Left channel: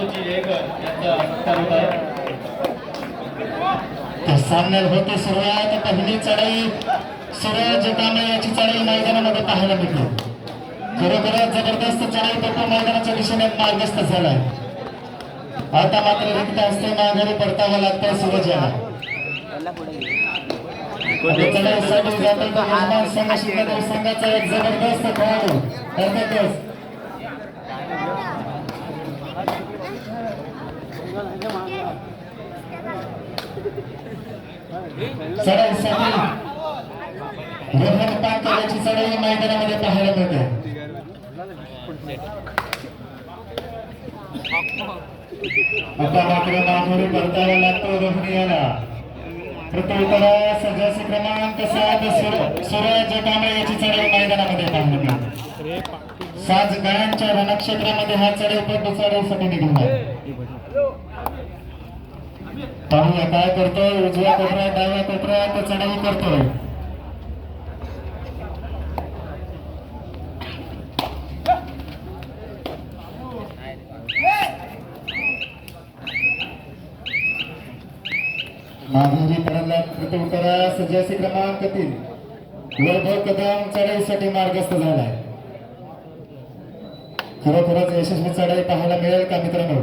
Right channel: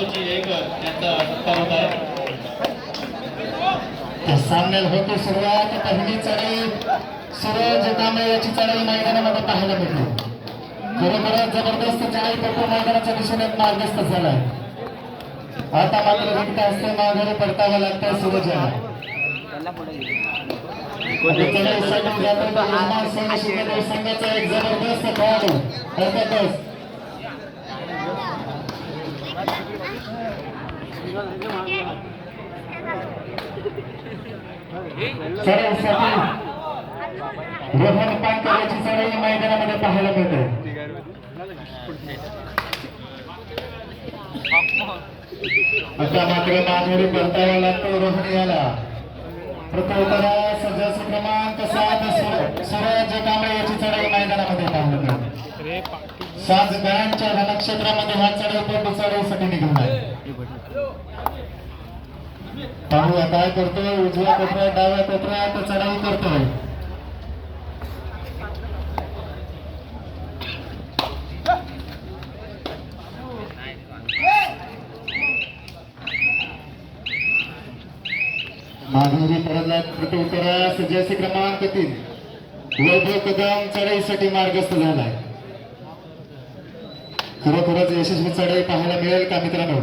संतोषजी येकर यांचा सत्कार होत आहे. सामन्याला होते सुरुवात. पहिली चढाई सूरज कांबळे याची चढाई मैदानामध्ये पाहायला मिळते. खरोखरच जबरदस्त चढाई पप्पू मैदानाच्या दिशेने मार्गस्थ झालाय. आता मात्र रिक्त असते माघारी परतावं लागतंय सूरज याला. चढाईसाठी जातोय तो यजमान संघ शिवनेरी संघाचा एक जबरदस्त खेळाडू अर्थातच चढाईसाठी रोहन पांकर याची चढाई मैदानामध्ये पाहायला मिळते. आता मात्र माघारी परतावा लागतो रोहन याला. प्रत्युत्तरास जस क्रमांक 7 सूरज कांबळे याची चढाई मैदानामध्ये पाहायला मिळते. 7 गायांच्या रणक्षेत्रामध्ये हा चढाईपटू चढाईसाठी निघून आहे. पाहूया काय करतोय. उजव्या कोपऱ्यात डाव्या कोपऱ्यात चढाई करतोय. माघारी परतला प्रत्युत्तरास जस क्रमांक 3 वैभव कदम चढाईसाठी मार्गस्थ झालाय. खरोखरच यशस्वी चढाई पाहायला मिळेल का मित्रांनो.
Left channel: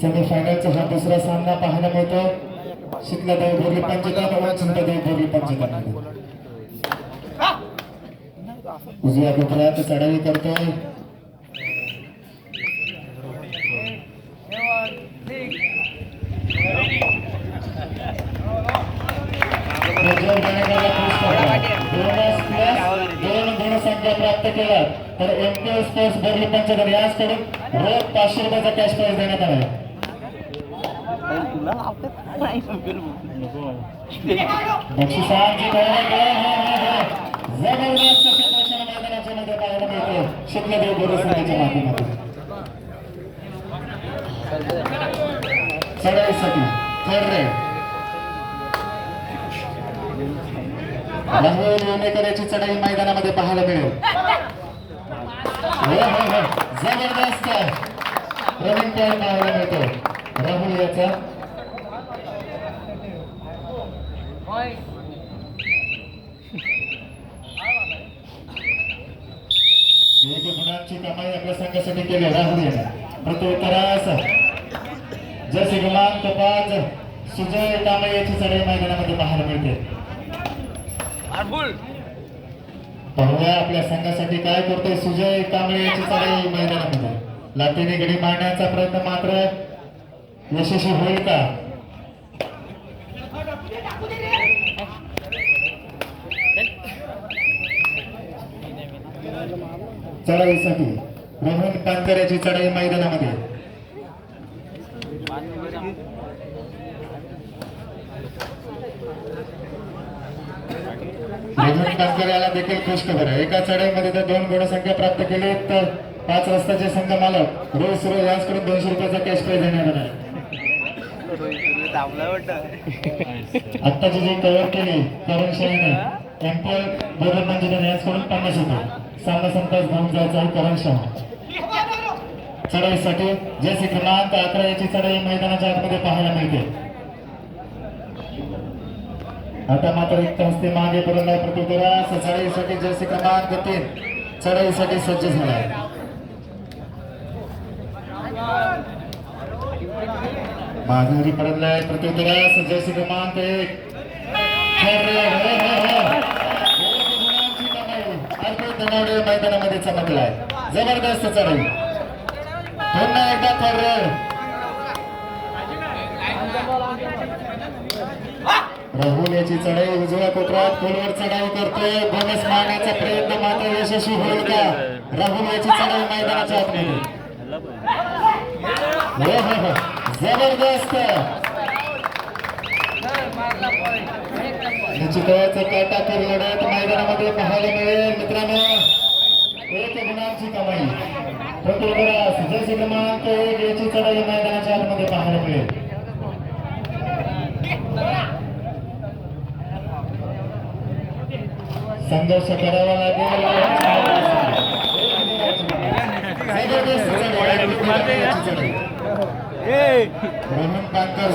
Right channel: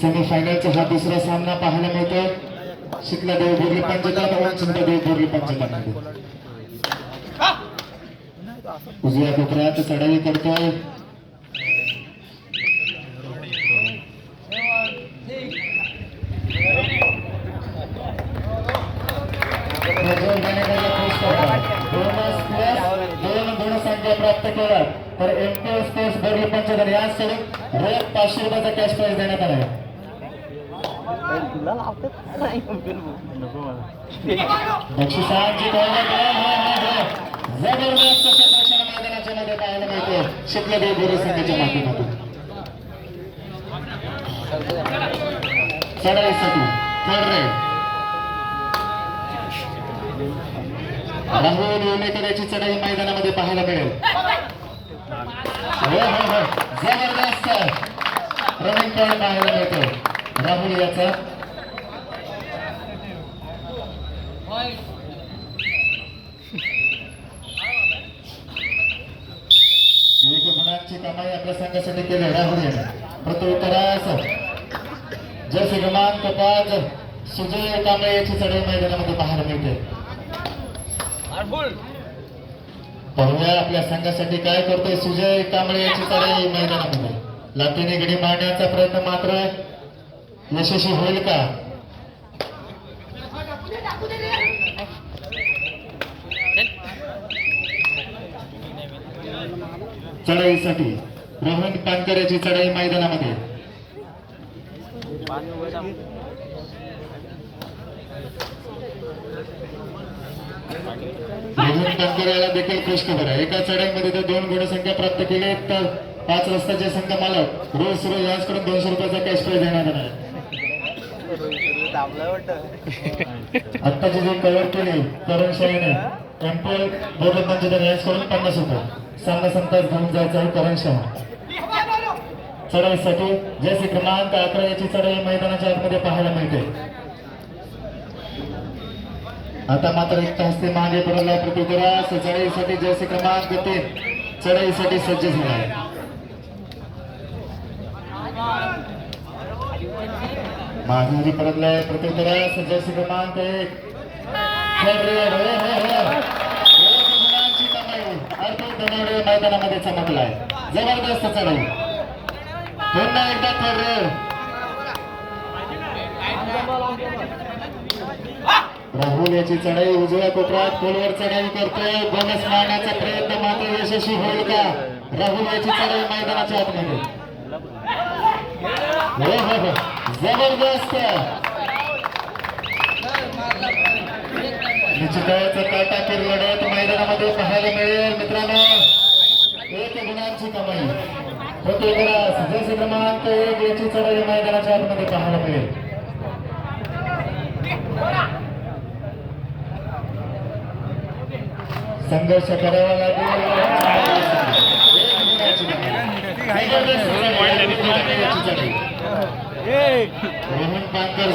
सेमीफायनलचा हा दुसरा सामना पाहायला मिळतो शितलादेव बोरली पंचतान व चिंतादेव बोरली पंचतान. उजव्या कोपऱ्यात चढाई करतोय. दोन गुणसंख्या प्राप्त केला तर एमके स्पोर्ट्स बोरली पंचतान यासोबत रोख 500 रुपयाचा कॅश प्राइज देण्यात आला. बक्षिसांची जबरदस्त प्रदर्शन मैदानाच्या मध्ये पाहायला मिळते शितलादेव बोरली संघाच्या माध्यमातून. चढाईसाठी राहुल येवलेकर याची चढाई मैदानामध्ये पाहायला मिळेल. जबरदस्त रनिंग पॉइंट पाहायला मिळतो राहुल याचा. एक गुणांची कमाई आपल्या संघासाठी केली राहुल याने. प्रत्युत्तरास जसे क्रमांक 5 सुजय कांबळे याची चढाई मैदानामध्ये पाहायला मिळते. पाहूया आपल्या संघासाठी काय करतोय सुजय कांबळे याची चढाई मैदानामध्ये. लाटीने गडी मारण्याचा प्रयत्न मात्र यशस्वी होईल का. चढाईसाठी रोहन पानकर याची चढाई मैदानामध्ये. रोहन पानकर याला देखील खुश खबर आहे. एका चढाईमध्ये जर 2 गुणसंख्या प्राप्त केली तर 5 रस्त्याचे संघ मालक रोज याचकडून 200 रुपयाचा कॅश प्राइज देणार आहे. आत्ताची जी कव्हर केली करण शाहीने एमपीएल बोरली पंचतान याचकडून 50 रुपये. सामना संतास घेऊन जायचा आहे करण शाह. चढाईसाठी जैसे क्रमांक 11 याची चढाई मैदानाच्या आतमध्ये पाहायला मिळते. आता मात्र एक हस्ते मागे पडला प्रत्युत्तरास चढाईसाठी जैसे क्रमांक 3 चढाईसाठी सज्ज झाला आहे. माघारी परतलाय प्रत्युत्तरास जैसे क्रमांक 1 मैदानामध्ये चमकलाय. जबरदस्त चढाई पुन्हा एकदा राहुल याची चढाई उजव्या कोपऱ्यात खोलवर चढाई करतोय. बोनस मारण्याचा प्रयत्न मात्र यशस्वी होईल का. राहुल याची चढाई मैदानाच्या आतमध्ये. जबरदस्त निश्चितच काटाकीर लढत मैदानामध्ये पाहायला मिळेल मित्रांनो. 1 गुणांची कमाई प्रत्युत्तरास जैसे क्रमांक 1 याची चढाई मैदानाच्या आतमध्ये पाहायला मिळेल. संघर्ष करावा लागेल. जबरदस्त चढाई याची चढाई. रोहन पानकर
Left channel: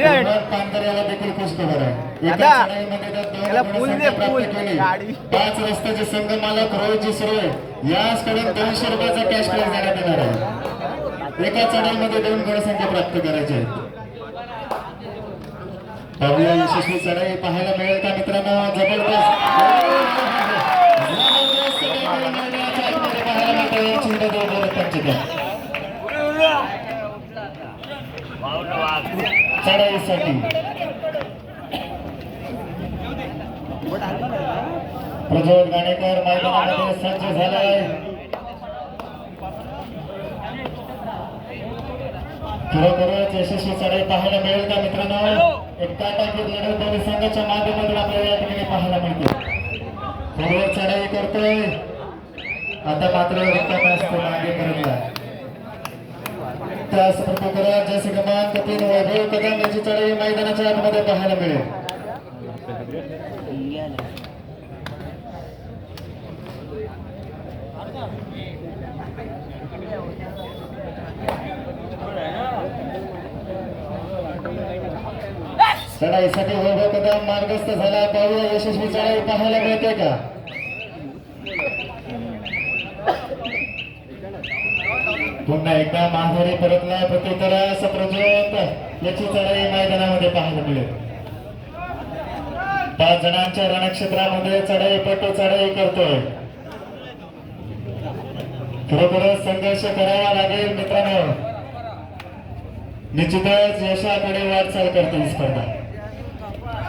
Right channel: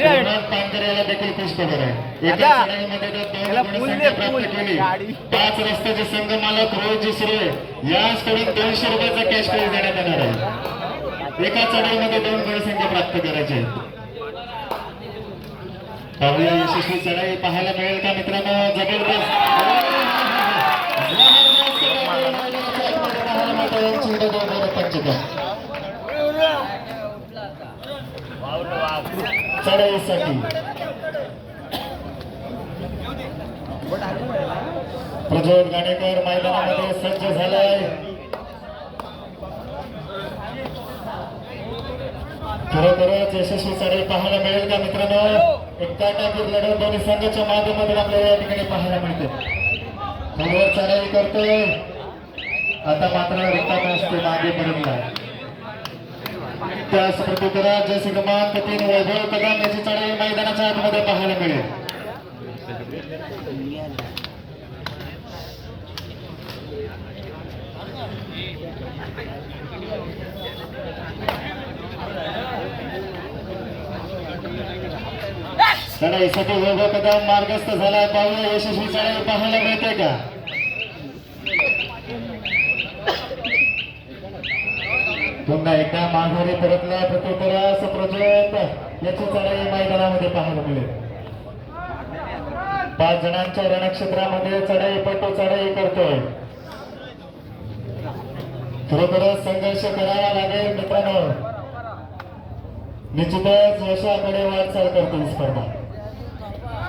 रोहन पानकर याला देखील खुश खबर आहे. एका चढाईमध्ये तर दोन गुणसंख्या प्राप्त केली. 5 रस्त्याचे संघ मालक रोहितजी सुर्वे याचकडून 200 रुपयाचा कॅश प्राइज देण्यात येणार आहे. एका चढाईमध्ये 2 गुणसंख्या प्राप्त करायचे आहेत. पाहूया यशस्वी चढाई पाहायला मिळेल का मित्रांनो. जबरदस्त पाहायला मिळतं चढाईसाठी प्रज्वल गाणेकर मैदानामध्ये सज्ज झालाय. खरोखरच यशस्वी चढाई पाहायला मिळेल का मित्रांनो. एक काटाकीर लढत दोन्ही संघाच्या माध्यमातून आपल्याला या ठिकाणी पाहायला मिळते. खोलवर चढाई करतोय आता मात्र रिकामा असतो मागे पर्यंत. त्याच प्रकारात जसे क्रमांक 3 वैभव कदम याची चढाई मैदानाच्या आतमध्ये पाहायला मिळेल. चढाईसाठी वैभव कदम मार्गस्थ झाला. पाहूया यशस्वी चढाई पाहायला मिळते का. पुन्हा एकदा माघारी परतला प्रत्युत्तरास प्रज्वल याची चढाई मैदानामध्ये पाहायला मिळेल. 5 जणांच्या रणक्षेत्रामध्ये चढाईपटू चढाई करतोय. खरोखरच संघर्ष करावा लागेल मित्रांनो. निश्चितच यशाकडे वाटचाल करते ही स्पर्धा.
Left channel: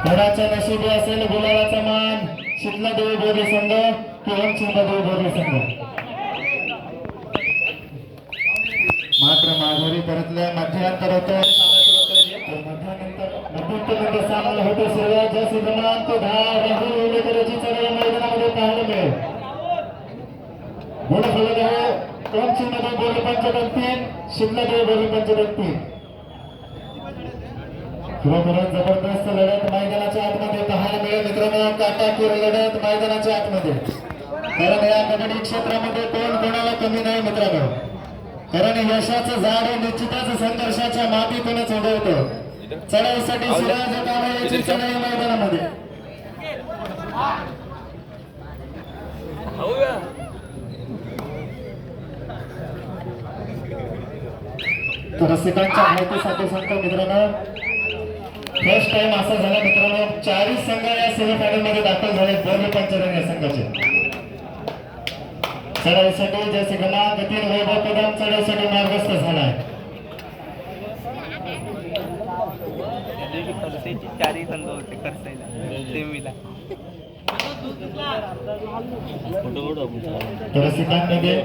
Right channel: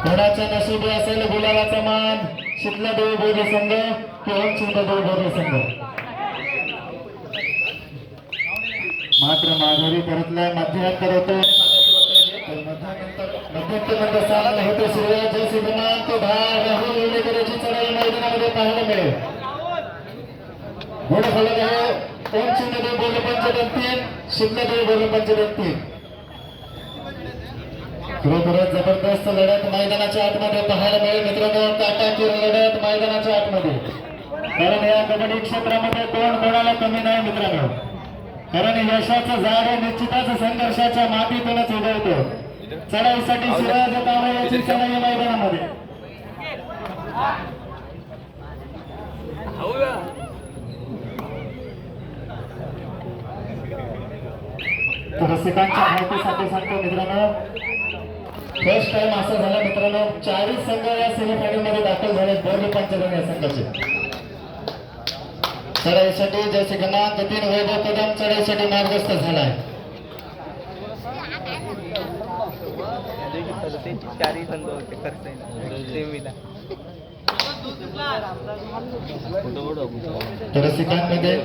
कोणाच्या नशिबी असेल गुलाबाचा मान. शीतलादेवी बोरी संघ किंवा चिंतादेवी बोरी संघ. मात्र माघारी परतल्या मध्यांतर होते. मध्यंतर सामना होते. सूर्याच्या क्रमांक 10 राहुल उल्लेकराची चढाई मैदानामध्ये पाहायला मिळेल. गुण फलक आहे. ओम चिंतादेवी बोरी पंचदन 3 शीतलादेवी बोरी पंचदन 3. खरोखरच जबरदस्त लढत मैदानाच्या आतमध्ये पाहायला मिळेल मित्रांनो. काटाकीर लढत मैदानाच्या आतमध्ये. कारण या कबड्डी क्षेत्रामध्ये कोण कोणाला कमी नाही मित्रांनो. कारण यशाचं झाड हे निश्चितच संघर्षाच्या मातीतूनच उगवतं. चढाईसाठी सूरज कांबळे याची चढाई मैदानामध्ये. रसिकांच्या माहितीसाठी सांगतो मित्रांनो. फर्स्ट टाइम असं झालं मित्रांनो 40 संघ या सेमीफायनल मध्ये दाखल झाले. बोर्ली पंचदन या संघाचे. चढाईसाठी जसे क्रमांक 3 वैभव कदम चढाईसाठी मार्गस्थ झालाय. रसिकांमध्ये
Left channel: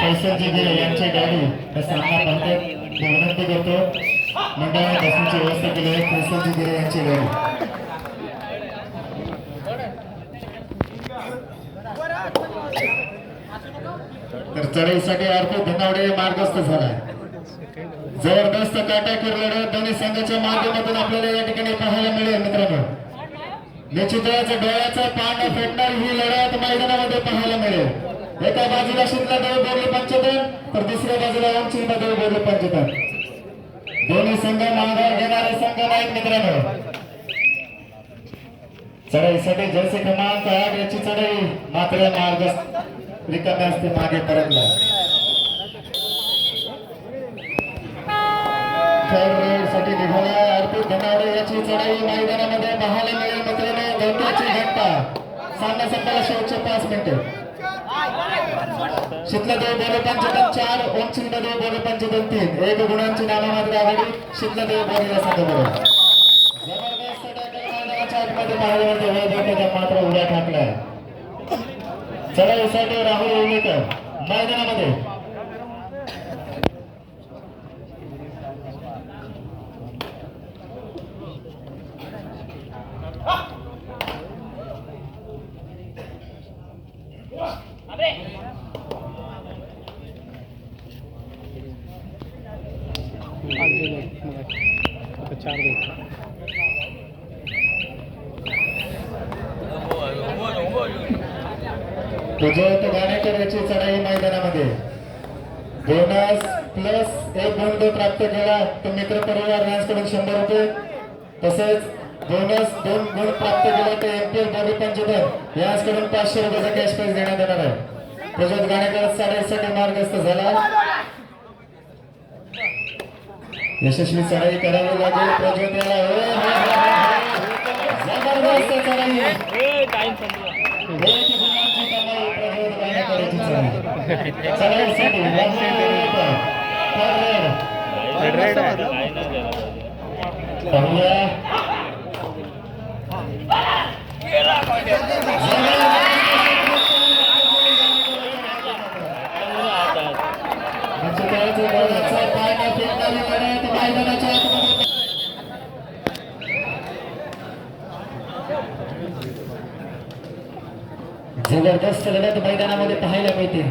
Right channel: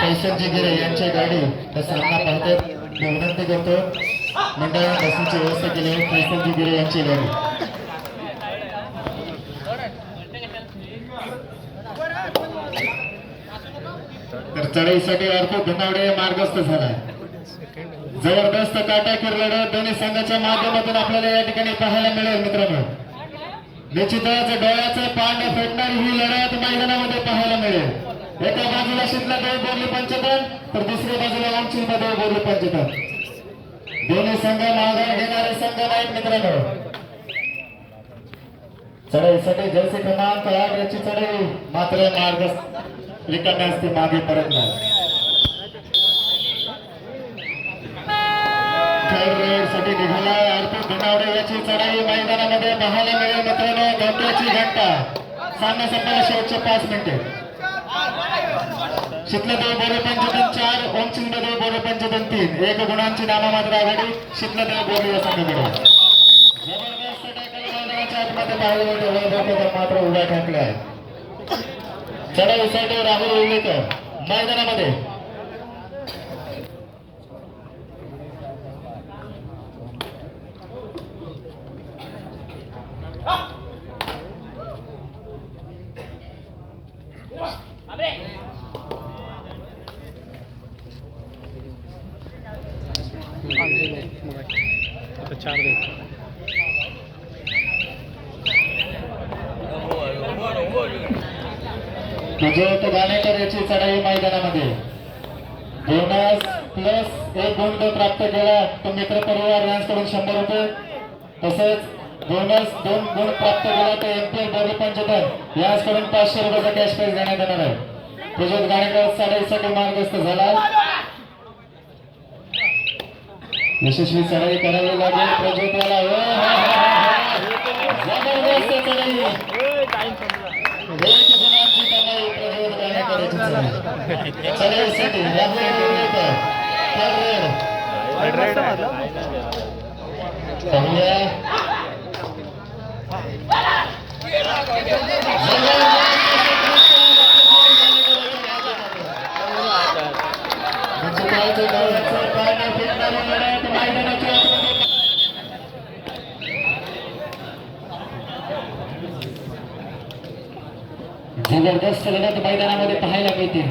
कैसरजी गिरे यांची गाडी सामना पाहतात. विनंती करतो मंडळाने बसूंची व्यवस्था केली आहे. कैसरजी गिरे यांची गाडी. तर चढाईसाठी अर्थ धनावडे मार्गस्थ झालाय. जबरदस्त काटाकीर लढत दोन्ही संघाच्या माध्यमातून आपल्याला या ठिकाणी पाहायला मिळेल मित्रांनो. निश्चितच डोळ्याचं पाणी फेडणार ही लढत मैदानामध्ये पाहायला मिळेल. एका बाजूला शीतलादेवी बोरी पंचदन तर दुसऱ्या बाजूला ओम चिंतादेवी बोरी पंचदन. दोन्ही संघ माघार घेणारे संघ नाहीत मित्रांनो. चढाईसाठी जैसे क्रमांक 8 याची चढाई मात्र मार्गस्थ रिकाम्या असते मागे परतला. थर्ड रेड साठी निघाला अर्पित धनावडे याची चढाई मैदानामध्ये पाहायला मिळेल मित्रांनो. गंभीरची घंटा सामने संपल्याला शेवटचे 5 मिनिटे. शीतलादेवी बोरी पंचदन 4 ओम चिंतादेवी बोरी पंचदन 3. 1 गुणांची नाममात्र आघाडी शीतलादेवी बोरी या संघाकडे. जबरदस्त टॅकल मैदानाच्या आतमध्ये पाहायला मिळते. वैभव मात्र उड्या टाकलाय. चढाईसाठी राहुल उल्लेकर मैदानामध्ये. आता 4 दे. प्रज्वल गाणेकर याची चढाई मैदानामध्ये. बोनस प्लस एक गुण तो प्राप्त केला तो मित्र परिवार यांच्याकडून 100 रुपये तसेच बोनस 2 गुण प्राप्त केला तर एमपीएल डबल पंचतर यांच्याकडून 500 रुपयाचा कॅश प्राइज देण्यात येणार आहे. प्रज्वल गाणेकर चढाईसाठी मार्गस्थ झाला. यशस्वी चढाई करावी लागेल प्रज्वल याला. जबरदस्त चढाई एक गुणांची कमाई प्रज्वल गाणेकरची चढाईसाठी जबरदस्त लढत मैदानामध्ये पाहायला मिळते.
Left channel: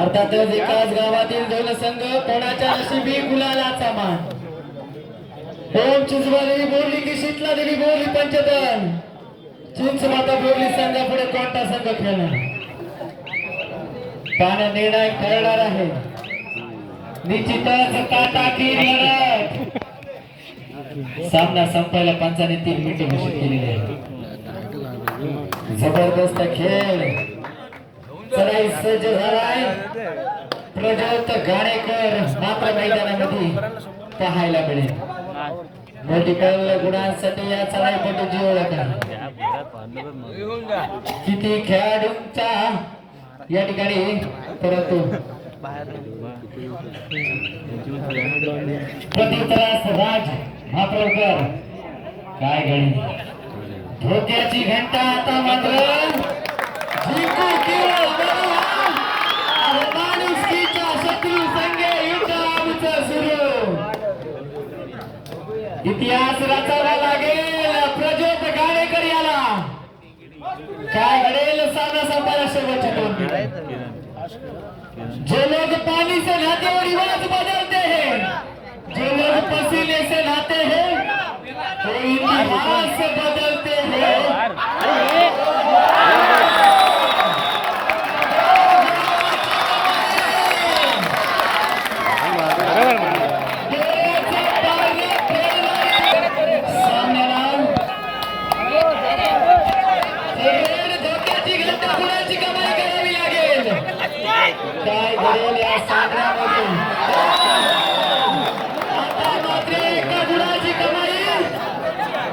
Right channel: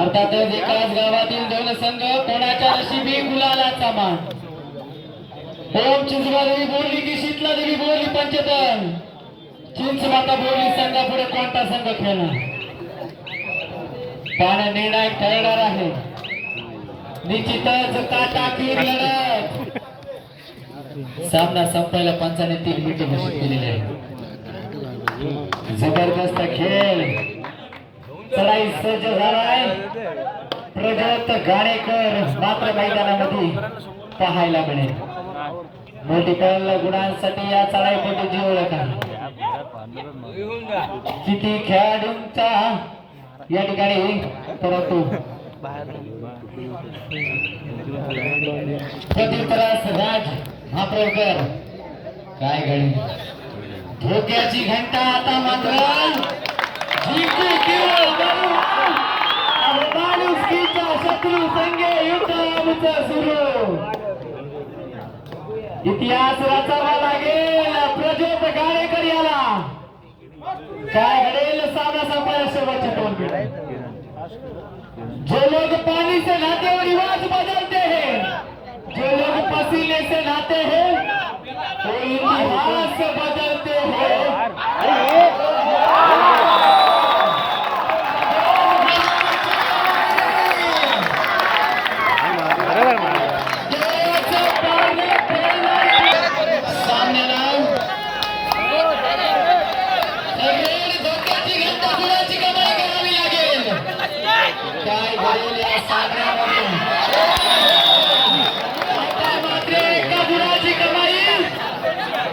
अर्थातच एकाच गावातील दोन संघ कोणाच्या नशिबी गुलालाचा मान. ओम चिंचवादेवी बोलली की शीतला देवी बोलली पंचतन. चिंचमाता बोलली संघापुढे कोणता संघ खेळणार पाण्या निर्णायक ठरणार आहे. निश्चितच काटाकीर लढत. सामना संपायला पंचाने 3 मिनिटे घोषित केलेले आहे. जबरदस्त खेळ चढाई सज्ज झालाय. प्रज्वल गाणेकर मात्र मैदानामध्ये पाहायला मिळेल. मोठीपण गुणांसाठी या चढाईपटूची ओळख आहे. किती खेळाडूंचा या ठिकाणी परंतु प्रतितरास राज महाप्रभकर काय घडी धोक्याची घंटा आता मात्र जिंकू केवळ माणुसकीच्या शत्रू संघे युद्ध आमचं सुरू. इतिहास रचावा लागेल प्रज्वल गाणेकर याला. काय घडेल साधा संपाला शेवटचे 2 मिनिट. जो लोग पानी से नहाते और रिवाज बदलते हैं, जो लोग पसीने से नहाते हैं वो इतिहास बदलते हैं. काय घडेल या सागरामधून आता मात्र एका गुणाची कमाई.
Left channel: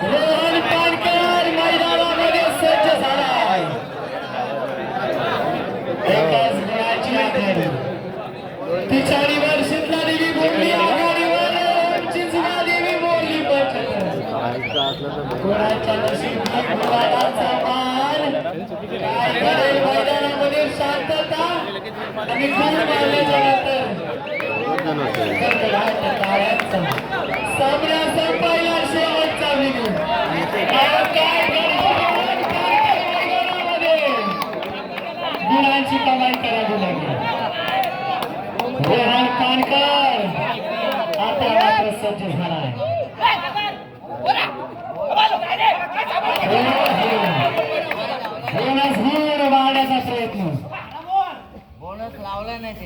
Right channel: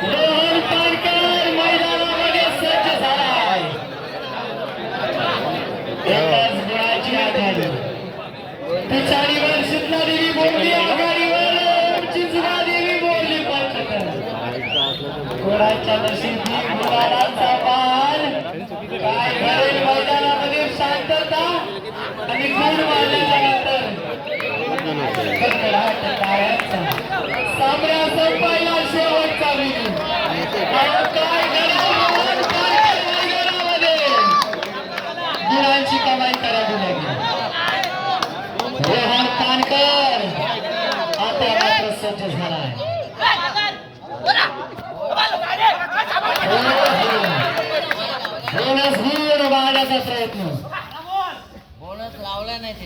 रोहन पानकर मैदानामध्ये सज्ज झाला आहे. एकाच गुणाची आघाडी. पिछाडीवर शीतला देवी बोलली आघाडीवर चिंचला देवी बोलली पंचतर. गुणाच्या नशिबी गुणाचा मान. काय घडेल मैदानामध्ये शांतता आणि गुण मारल्याच्या नंतर सामना संपायला शेवटचा विजय. काय मैदानामध्ये गुणांची कमाई करावी लागेल. रोहन पानकर आता मात्र सज्ज झाला आहे. बोनस गुण वाढण्याचा प्रयत्न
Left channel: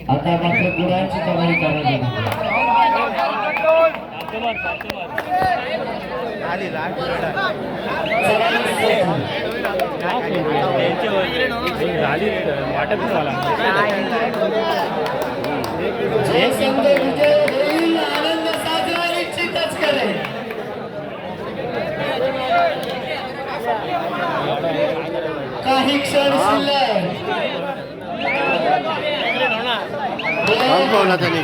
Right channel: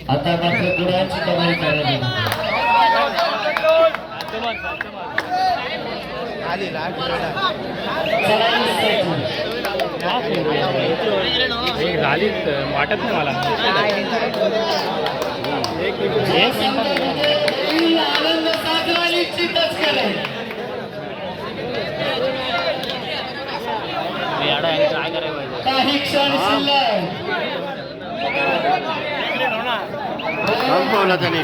आता मात्र गुणांची कमाई करावी. वाटत नाही मला. आनंद साजरा निश्चितच करेल. काही क्षण शिल्लक. कम कोणाचा नाही